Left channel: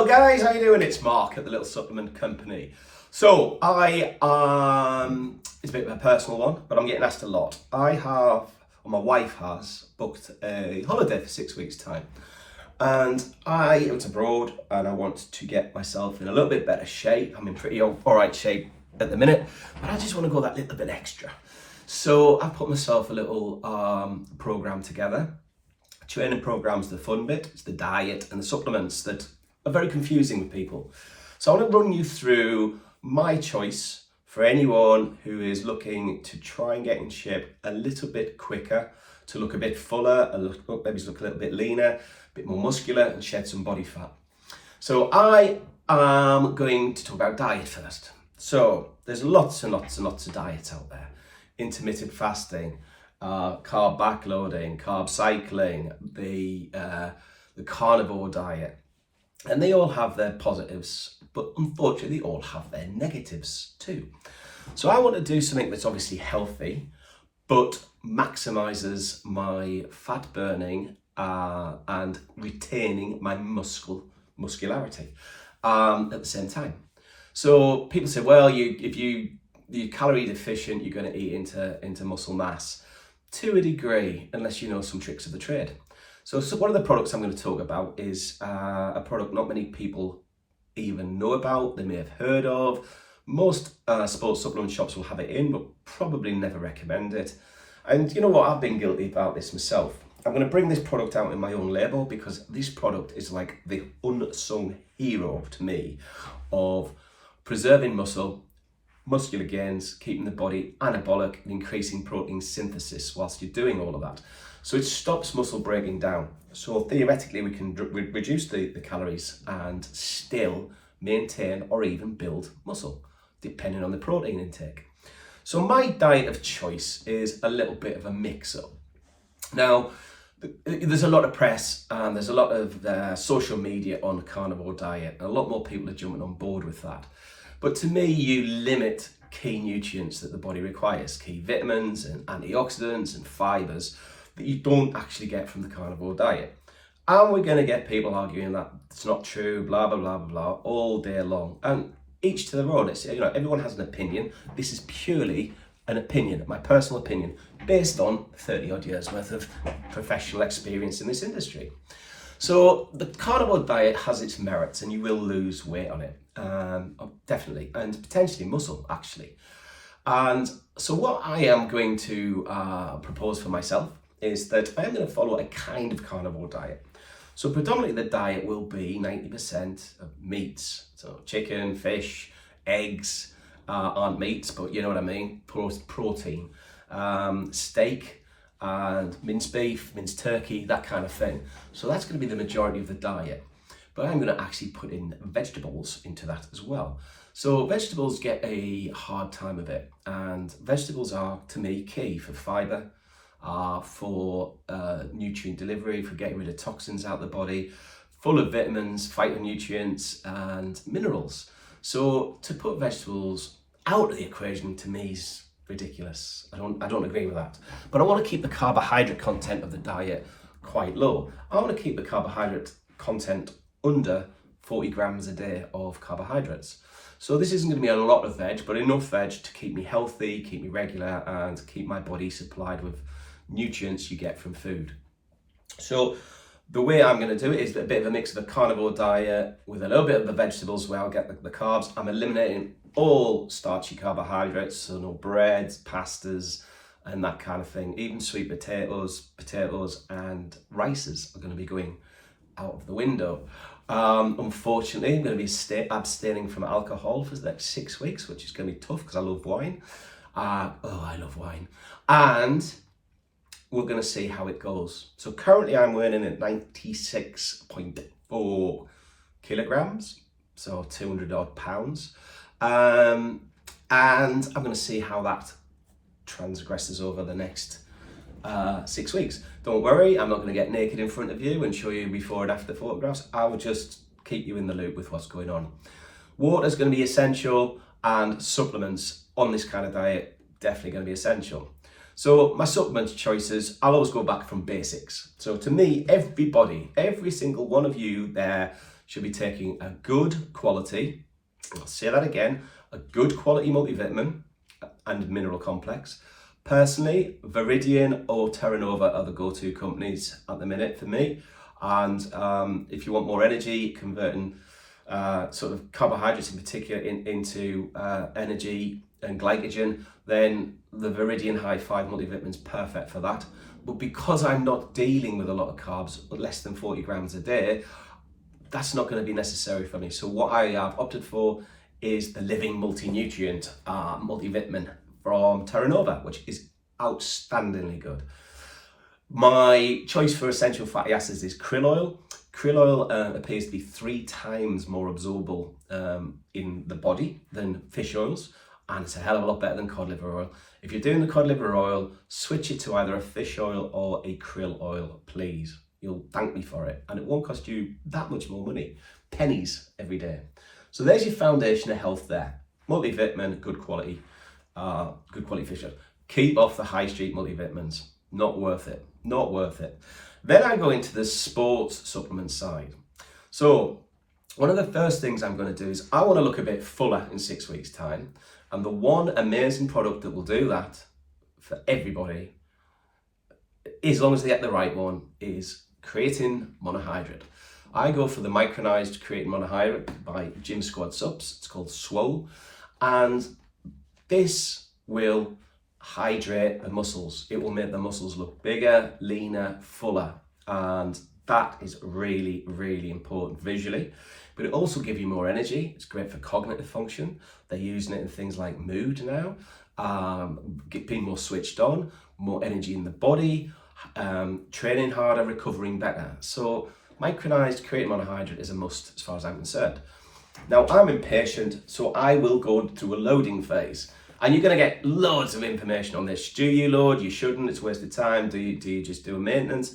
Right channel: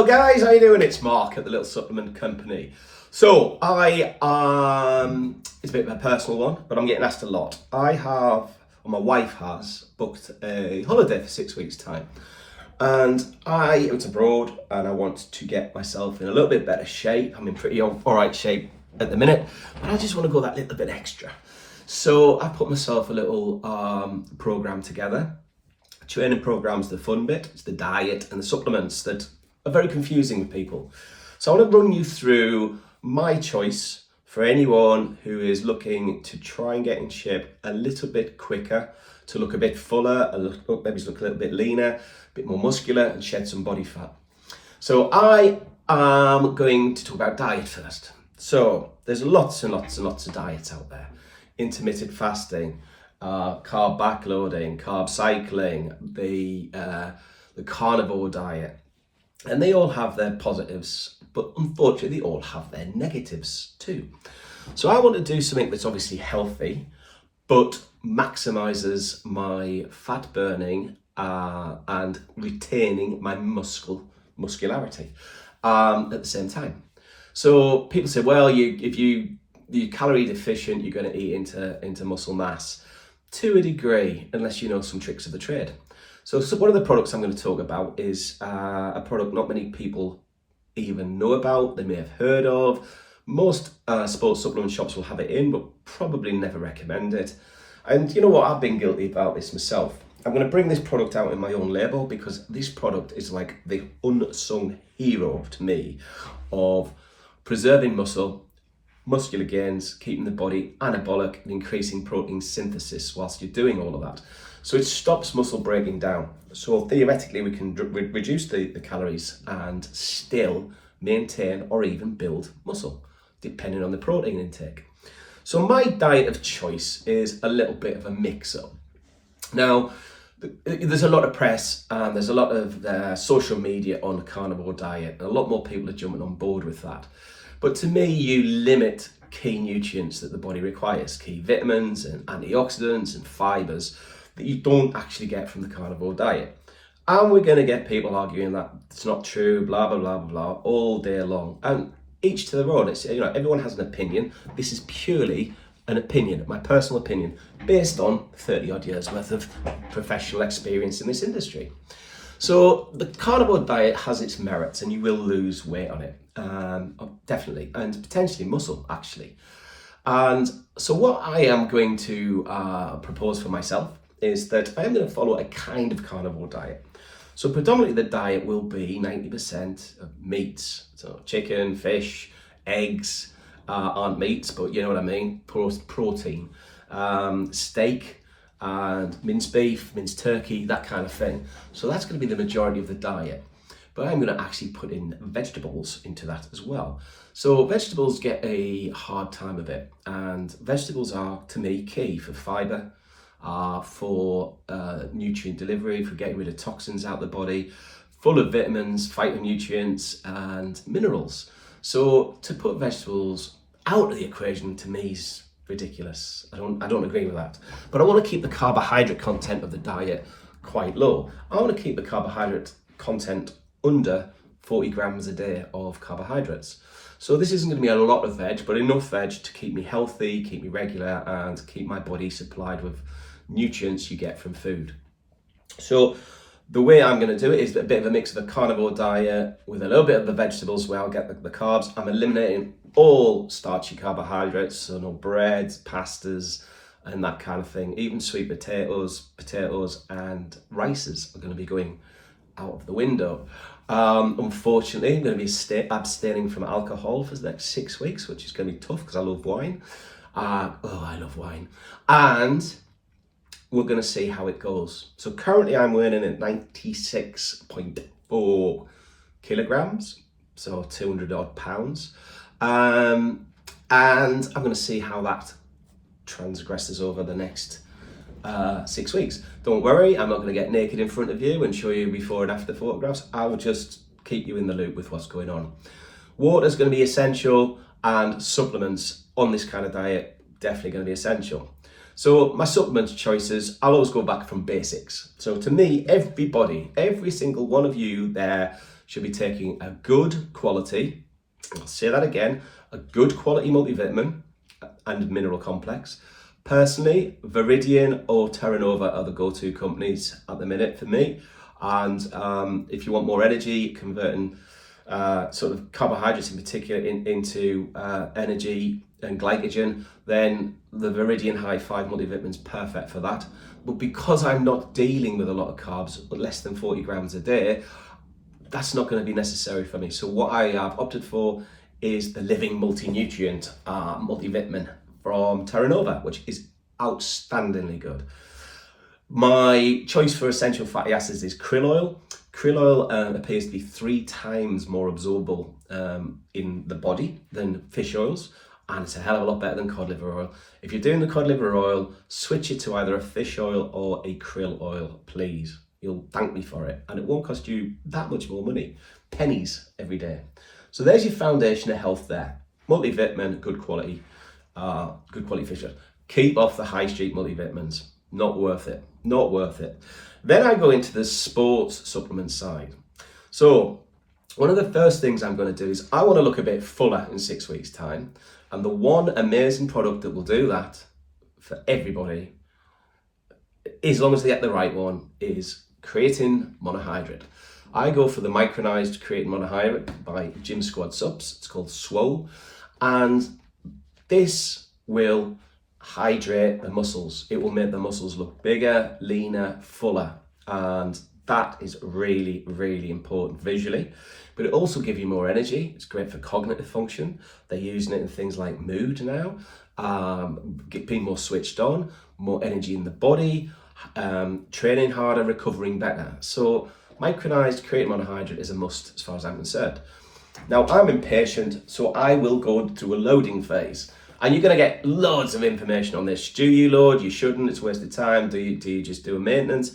Hello guys, how you doing? It's Mark at the Little Supplement Company. So it's a bit of a personal one, but I'm getting asked a lot. My wife has booked a holiday for 6 weeks time. And I went abroad and I want to get myself in a little bit better shape. I'm in pretty all right shape at the minute, but I just want to go that little bit extra. So I put myself a little program together. Training program's the fun bit, it's the diet and the supplements that are very confusing with people. So I want to run you through my choice for anyone who is looking to try and get in shape a little bit quicker, to look a bit fuller, maybe look a little bit leaner, a bit more muscular and shed some body fat. So I am going to talk about diet first. So there's lots and lots and lots of diets out there. Intermittent fasting, carb backloading, carb cycling, the carnivore diet, and they all have their positives, but unfortunately they all have their negatives too. So I want to do something that's obviously healthy, but maximizes my fat burning and retaining my muscularity at the same time. So people say, well, if you're calorie deficient, you're going to eat into muscle mass. To a degree, unless you know some tricks of the trade. So one of the products I'm going to talk about is a product not many people even know about, they may have heard of. Most sports supplement shops will have it in, but probably never recommend it. And you know what, I've been guilty about this myself. I'm going to bring this product out in my own label because this product is like the unsung hero to me of preserving muscular gains, keeping the body anabolic and increasing protein synthesis whilst you're doing all of that. So it stops muscle breaking down. So theoretically we can reduce the calories and still maintain or even build muscle, depending on the protein intake. So my diet of choice is a little bit of a mix-up. Now, there's a lot of press and there's a lot of social media on the carnivore diet, and a lot more people are jumping on board with that. But to me, you limit key nutrients that the body requires, key vitamins and antioxidants and fibers that you don't actually get from the carnivore diet. And we're going to get people arguing that it's not true, blah, blah, blah, blah, blah, all day long. And each to their own. It's, everyone has an opinion. This is purely an opinion, my personal opinion, based on 30 odd years worth of professional experience in this industry. So the carnivore diet has its merits and you will lose weight on it, definitely, and potentially muscle actually. And so what I am going to propose for myself is that I am going to follow a kind of carnivore diet. So predominantly the diet will be 90% of meats, so chicken, fish, eggs aren't meats, but you know what I mean, protein, steak, and minced beef, minced turkey, that kind of thing. So that's going to be the majority of the diet. But I'm going to actually put in vegetables into that as well. So vegetables get a hard time of it. And vegetables are, to me, key for fiber, for nutrient delivery, for getting rid of toxins out of the body, full of vitamins, phytonutrients, and minerals. So to put vegetables out of the equation, to me, is ridiculous. I don't agree with that. But I want to keep the carbohydrate content of the diet quite low. I want to keep the carbohydrate content under 40 grams a day of carbohydrates. So this isn't going to be a lot of veg, but enough veg to keep me healthy, keep me regular, and keep my body supplied with nutrients you get from food. So the way I'm going to do it is a bit of a mix of a carnivore diet with a little bit of the vegetables where I'll get the carbs. I'm eliminating all starchy carbohydrates, so no breads, pastas, and that kind of thing. Even sweet potatoes, and rices are going to be going out of the window. Unfortunately, I'm going to be abstaining from alcohol for the next 6 weeks, which is going to be tough because I love wine. I love wine. And we're going to see how it goes. So currently I'm weighing at 96.4 kilograms, so 200 odd pounds. And I'm going to see how that transgresses over the next 6 weeks. Don't worry, I'm not going to get naked in front of you and show you before and after photographs. I will just keep you in the loop with what's going on. Water's going to be essential, and supplements on this kind of diet definitely going to be essential. So my supplement choices, I'll always go back from basics. So to me, every single one of you there should be taking a good quality, I'll say that again, a good quality multivitamin and mineral complex. Personally, Viridian or Terra Nova are the go-to companies at the minute for me. And if you want more energy, converting sort of carbohydrates in particular into energy and glycogen, then the Viridian High 5 multivitamin is perfect for that. But because I'm not dealing with a lot of carbs, less than 40 grams a day, that's not going to be necessary for me. So what I have opted for is the Living Multi-Nutrient multivitamin from Terra Nova, which is outstandingly good. My choice for essential fatty acids is krill oil. Krill oil appears to be 3 times more absorbable in the body than fish oils, and it's a hell of a lot better than cod liver oil. If you're doing the cod liver oil, switch it to either a fish oil or a krill oil, please. You'll thank me for it, and it won't cost you that much more money. Pennies every day. So there's your foundation of health there. Multivitamin, good quality fish oil. Keep off the high street multivitamins. Not worth it. Not worth it. Then I go into the sports supplement side. So one of the first things I'm going to do is I want to look a bit fuller in 6 weeks' time. And the one amazing product that will do that for everybody, as long as they get the right one, is Creatine Monohydrate. I go for the Micronized Creatine Monohydrate by Gym Squad Subs. It's called Swole. And this will hydrate the muscles. It will make the muscles look bigger, leaner, fuller. And that is really, really important visually. But it also gives you more energy. It's great for cognitive function. They're using it in things like mood now, being more switched on, more energy in the body, training harder, recovering better. So Micronized Creatine Monohydrate is a must as far as I'm concerned. Now I'm impatient, so I will go through a loading phase. And you're going to get loads of information on this. Do you load? You shouldn't. It's a waste of time. Do you just do a maintenance?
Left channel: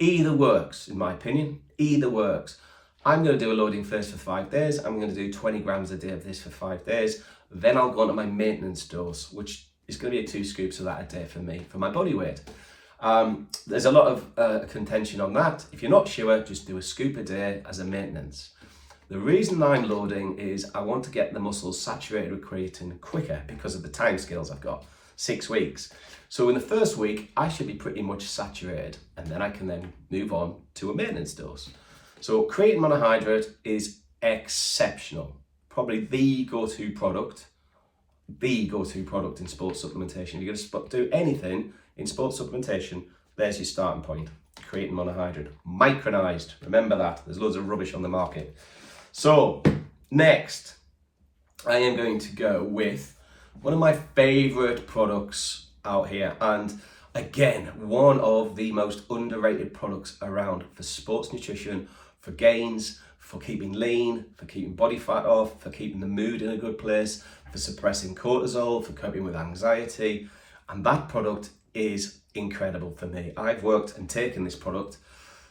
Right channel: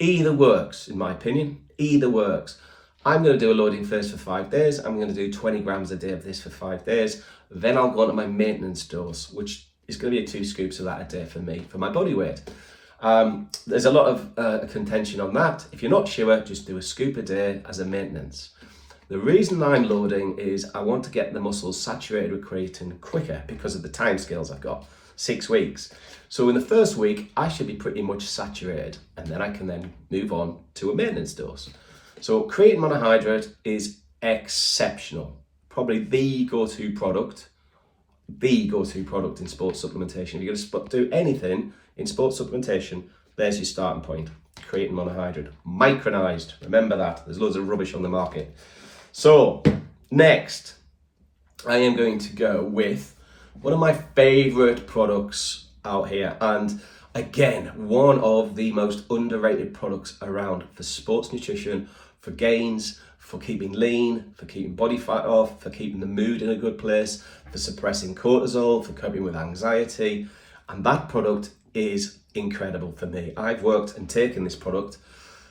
Either works, in my opinion. Either works. I'm going to do a loading phase for 5 days. I'm going to do 20 grams a day of this for 5 days. Then I'll go on to my maintenance dose, which is going to be 2 scoops of that a day for me, for my body weight. There's a lot of contention on that. If you're not sure, just do a scoop a day as a maintenance. The reason I'm loading is I want to get the muscles saturated with creatine quicker because of the time scales I've got, 6 weeks. So in the first week, I should be pretty much saturated, and then I can then move on to a maintenance dose. So creatine monohydrate is exceptional. Probably the go-to product in sports supplementation. If you're going to do anything in sports supplementation, there's your starting point. Creatine monohydrate, micronized. Remember that. There's loads of rubbish on the market. So next, I am going to go with one of my favorite products out here. And again, one of the most underrated products around for sports nutrition, for gains, for keeping lean, for keeping body fat off, for keeping the mood in a good place, for suppressing cortisol, for coping with anxiety. And that product is incredible for me. I've worked and taken this product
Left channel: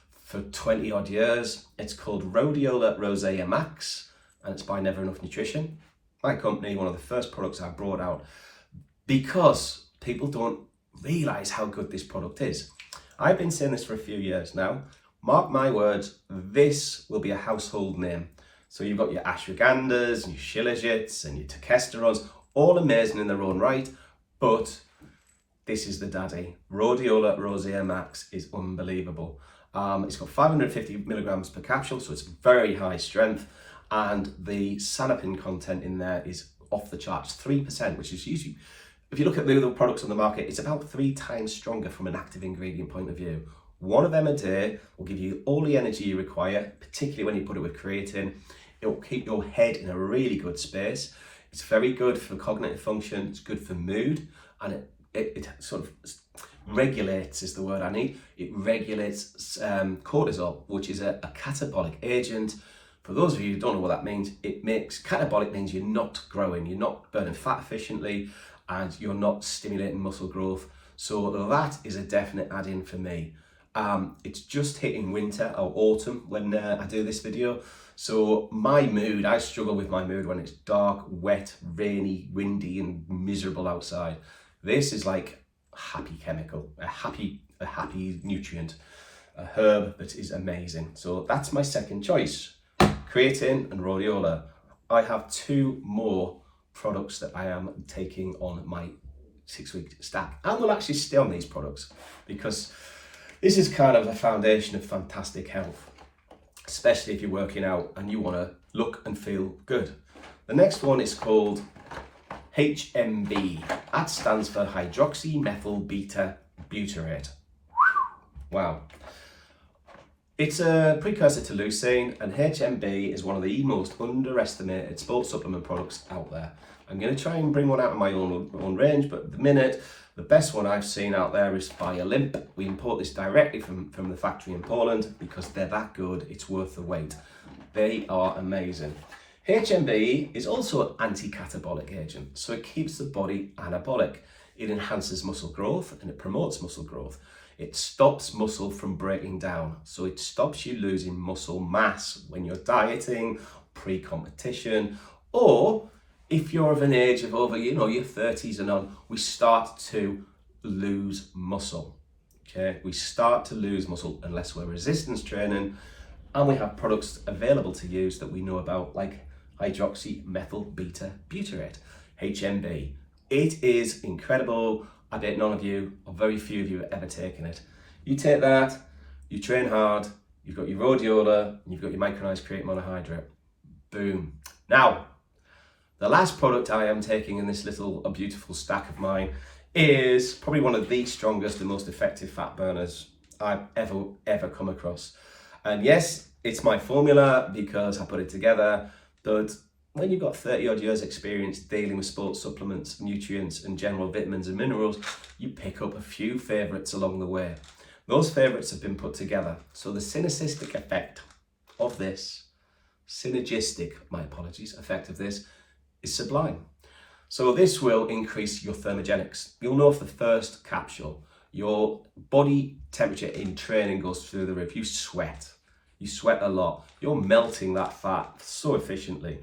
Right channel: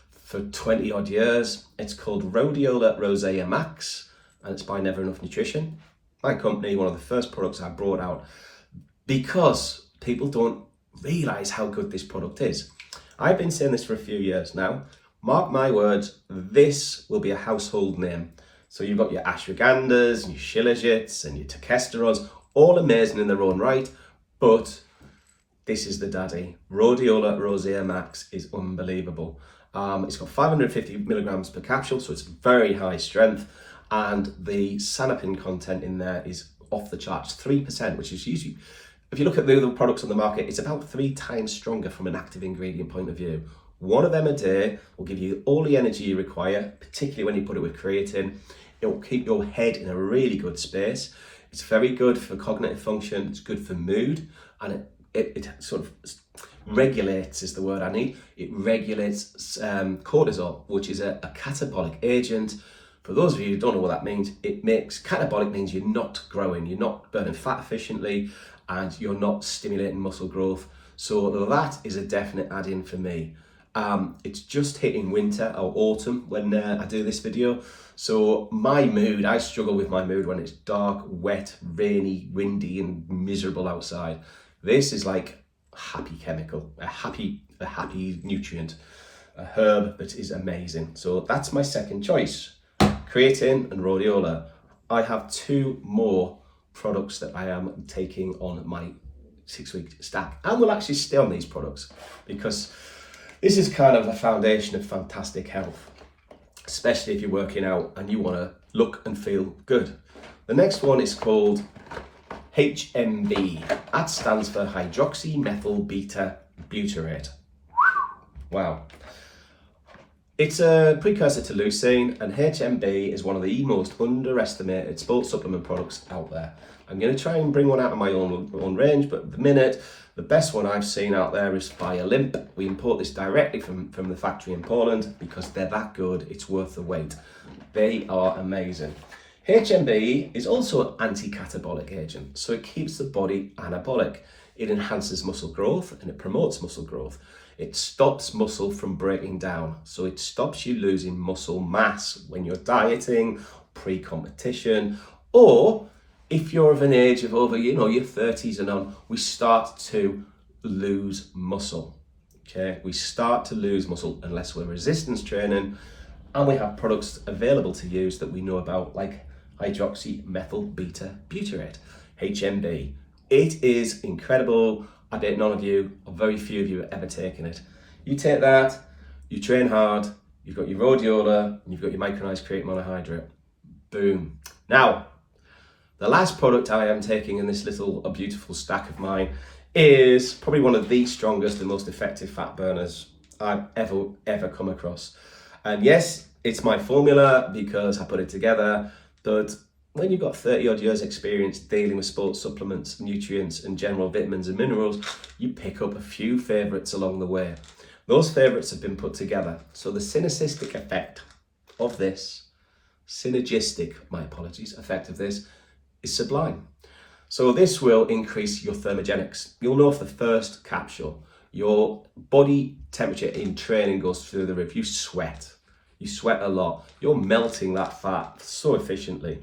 for 20 odd years. It's called Rhodiola Rosea Max, and it's by Never Enough Nutrition. My company, one of the first products I brought out because people don't realize how good this product is. I've been saying this for a few years now. Mark my words, this will be a household name. So you've got your ashwagandhas and your shilajits and your testosterones, all amazing in their own right, but this is the daddy. Rhodiola Rosea Max is unbelievable. It's got 550 milligrams per capsule, so it's very high strength, and the sanopin content in there is off the charts, 3%, which is usually, if you look at the other products on the market, it's about 3 times stronger from an active ingredient point of view. One of them a day will give you all the energy you require, particularly when you put it with creatine. It will keep your head in a really good space. It's very good for cognitive function, it's good for mood, and it sort of regulates is the word I need. It regulates cortisol, which is a catabolic agent. For those of you who don't know what that means, catabolic means you're not growing, you're not burning fat efficiently, and you're not stimulating muscle growth. So that is a definite add-in for me. It's just hitting winter or autumn when I do this video. So my mood, I struggle with my mood when it's dark, wet, rainy, windy, and miserable outside. This is like a happy chemical, a happy nutrient, a herb that is amazing. So that's my second choice. creatine and rhodiola. I have 2 more products that I am taking on my 6-week stack, and will actually stay on these products because this is kind of the foundation of fantastic health, especially if you're working out and you want to look and feel good. The next one is called HMB. That stands for hydroxymethyl beta butyrate. Wow. It's a precursor to leucine, and HMB is one of the most underestimated sports supplement products out there. I'm going to try and bring one out of my own range, but at the minute, the best one I've seen out there is by Olymp. We import this directly from the factory in Poland because they're that good, it's worth the wait. They are amazing. HMB is also an anti-catabolic agent, so it keeps the body anabolic. It enhances muscle growth and it promotes muscle growth. It stops muscle from breaking down, so it stops you losing muscle mass when you're dieting, pre-competition, or if you're of an age of over, your 30s and on, we start to lose muscle. Okay, we start to lose muscle unless we're resistance training, and we have products available to use that we know about, like hydroxymethyl beta butyrate, HMB. It is incredible. I bet none of you, or very few of you, have ever taken it. You take that, you train hard, you've got your rhodiola, and you've got your micronized creatine monohydrate. Boom. Now, the last product I am taking in this little beautiful stack of mine is probably one of the strongest and most effective fat burners I've ever come across. And yes, it's my formula because I put it together, but when you've got 30 odd years experience dealing with sports supplements, nutrients and general vitamins and minerals, you pick up a few favorites along the way. Those favorites have been put together. So the synergistic effect of this, effect of this is sublime. So this will increase your thermogenics. You'll know off the first capsule, your body temperature in training goes through the roof. You sweat a lot. You're melting that fat so efficiently.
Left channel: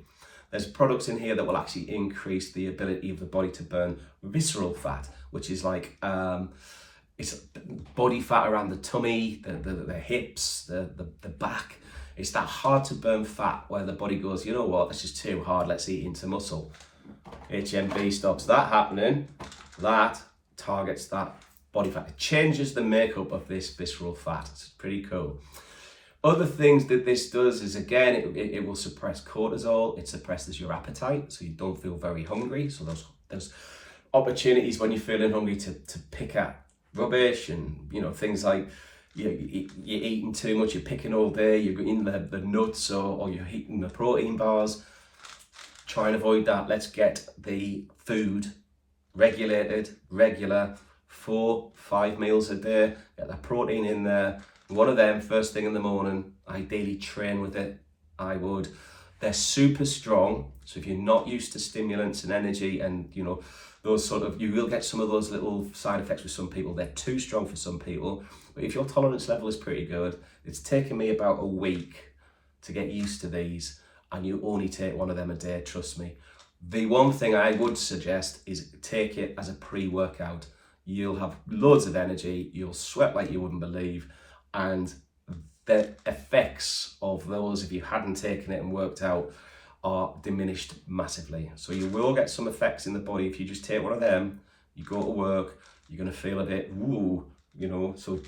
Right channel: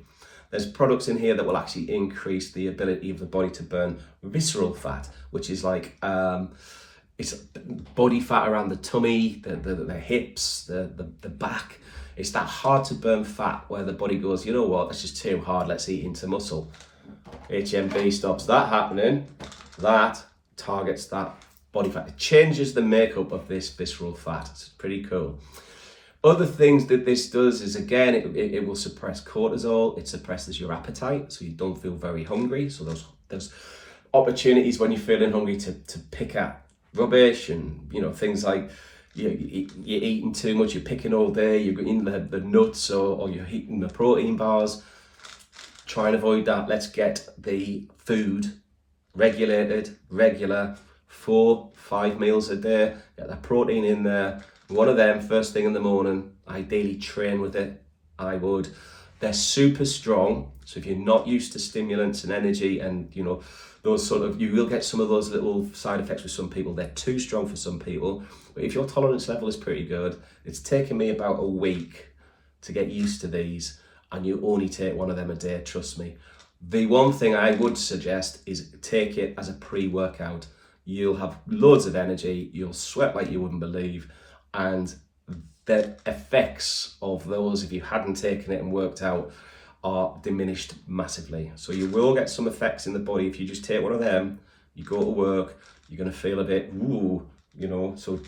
There's products in here that will actually increase the ability of the body to burn visceral fat, which is like it's body fat around the tummy, the hips, the back. It's that hard to burn fat where the body goes, you know what, that's just too hard, let's eat into muscle. HMB stops that happening. That targets that body fat. It changes the makeup of this visceral fat. It's pretty cool. Other things that this does is, again, it will suppress cortisol. It suppresses your appetite, so you don't feel very hungry. So there's opportunities when you're feeling hungry to pick at rubbish and, things like you're eating too much, you're picking all day, you're eating the nuts or you're eating the protein bars. Try and avoid that. Let's get the food regulated, regular, 4-5 meals a day. Get the protein in there. One of them first thing in the morning. Ideally train with it. I would. They're super strong, so if you're not used to stimulants and energy and those you will get some of those little side effects with some people. They're too strong for some people, but if your tolerance level is pretty good, it's taken me about a week to get used to these, and you only take one of them a day, trust me. The one thing I would suggest is take it as a pre-workout. You'll have loads of energy, you'll sweat like you wouldn't believe, and the effects of those, if you hadn't taken it and worked out, are diminished massively. So you will get some effects in the body if you just take one of them. You go to work, you're going to feel a bit woo, so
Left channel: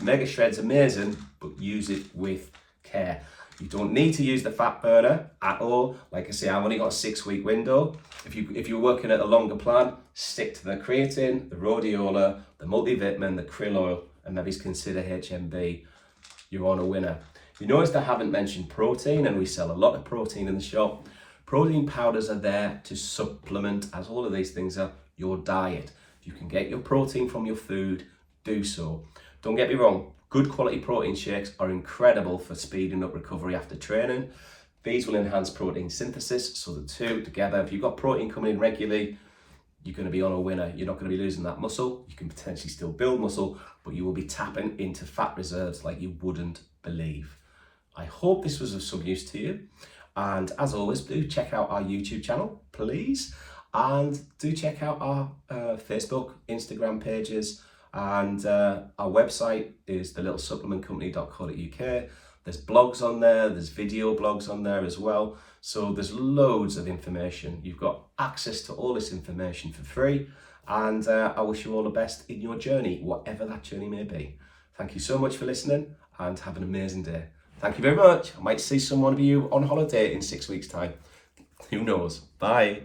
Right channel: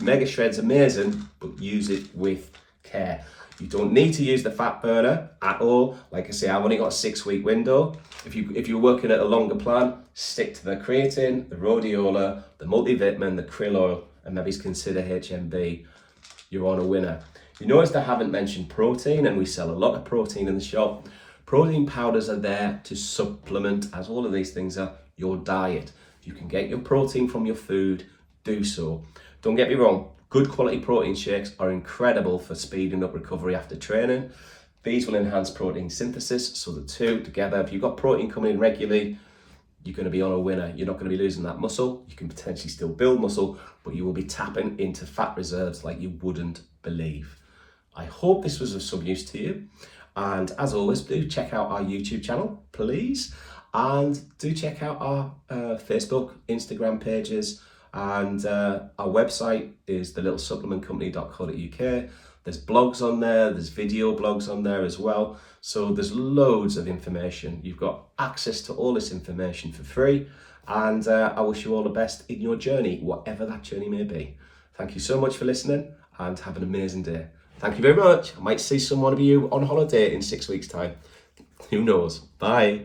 Mega Shred's amazing, but use it with care. You don't need to use the fat burner at all. Like I say, I've only got a 6-week window. If you're working at a longer plan, stick to the creatine, the rhodiola, the multivitamin, the krill oil, and maybe consider HMB. You're on a winner. You notice I haven't mentioned protein, and we sell a lot of protein in the shop. Protein powders are there to supplement, as all of these things are, your diet. If you can get your protein from your food, do so. Don't get me wrong, good quality protein shakes are incredible for speeding up recovery after training. These will enhance protein synthesis, so the two together, if you've got protein coming in regularly, you're going to be on a winner. You're not going to be losing that muscle. You can potentially still build muscle, but you will be tapping into fat reserves like you wouldn't believe. I hope this was of some use to you. And as always, do check out our YouTube channel, please. And do check out our Facebook, Instagram pages. And our website is thelittle supplementcompany.co.uk. There's blogs on there, there's video blogs on there as well. So there's loads of information. You've got access to all this information for free. And I wish you all the best in your journey, whatever that journey may be. Thank you so much for listening and have an amazing day. Thank you very much. I might see some one of you on holiday in 6 weeks' time. Who knows? Bye.